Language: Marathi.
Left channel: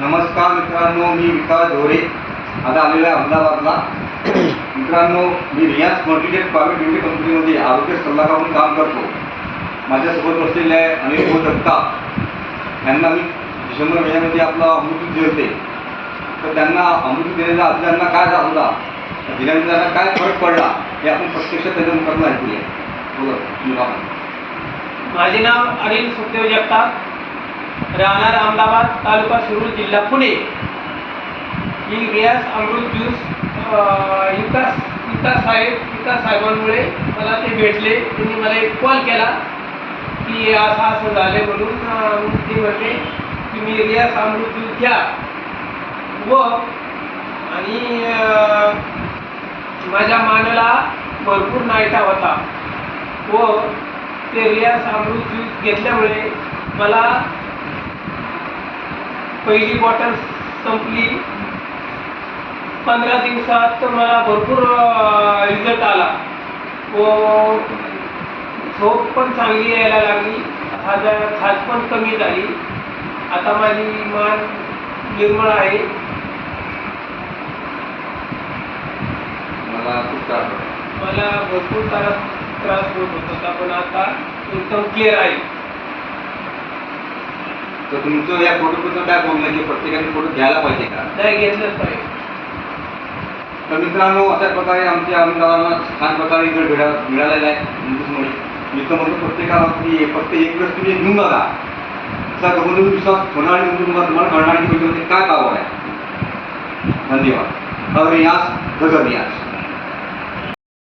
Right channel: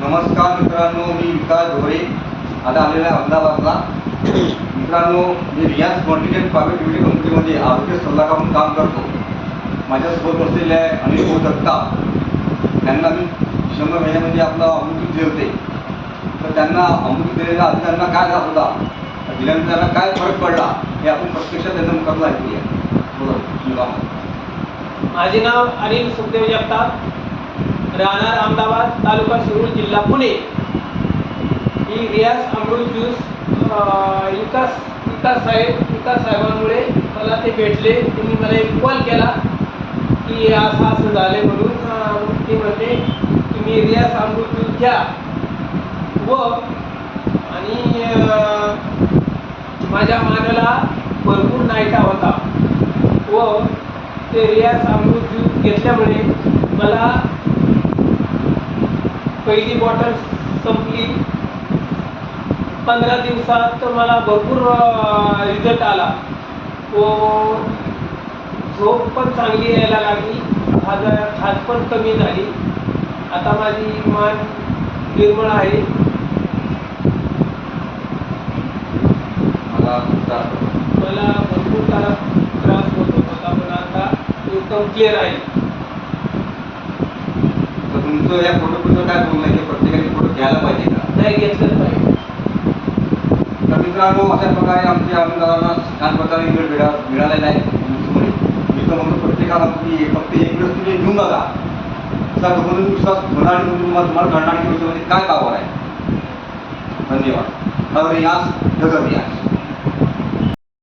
नमस्कार मित्रांनो, मी विकास ढोरे आता आलेला आहे अहमदाबादला. मित्रांनो, मी रियाज मल्टीटेक प्रायव्हेट लिमिटेड कंपनीमध्ये आरोग्य सल्लागार म्हणून काम करतो. माझ्यासोबत बसलेले आहे अनिल भाऊ जगताप. त्यांना मी डिसेंबर महिन्यामध्ये आपला अमृत दिले, तर त्यांना अमृत दिलेला आधी त्यांना काय झाला होता, दिल्यानंतर त्यांना काय फरक पडला हे आपण प्रत्यक्षात त्याच्या मुखातून ऐकूया. बोला. माझे नाव अनिल सुखदेव जगताप, राहणार अहमदाबाद, तालुका शिरूर, जिल्हा पुणे. ही रियाज अमृत ज्यूस विकास साहेबांमुळे मला ते भेटले. त्यांनी मला एक कॉल केला की असं झाले म्हणून. ते म्हणले तुम्ही रियाज अमृत ज्यूस घ्या आणि माझ्या मानाला भरपूर नाईटा होता व ते रियाज अमृत ज्यूस घेतल्यामुळे मला पहिली बॉटल संपली. 15 दिवसात मला भरपूर रिझल्ट आला व झोप पण चांगली यायला लागली, खाज पण कमी झाली. आता माझी मान निर्मळ आहे. मला भरपूर त्रास होत होता, पण आता एकदम क्लिअर आहे. तर तुमचं या प्रोडक्टबद्दल काय बोलणं आहे की प्रत्येकाने प्रोडक्ट घ्यायला पाहिजे का? नाही, घेतलंच पाहिजे. तर मित्रांनो, अशा प्रकारे आमच्या अनुदानाला छान प्रकारे मिळालेला आहे तुमच्यामुळे. मी तर म्हणतो प्रत्येकाला तुम्ही फक्त एक वेळेस तुम्ही घेऊन बघा. असा गमन विश्वास होणारी म्हणून तुम्हाला घडणारी गोष्टीमध्ये काय पावर आहे. धन्यवाद. रियाज नगर रियाज.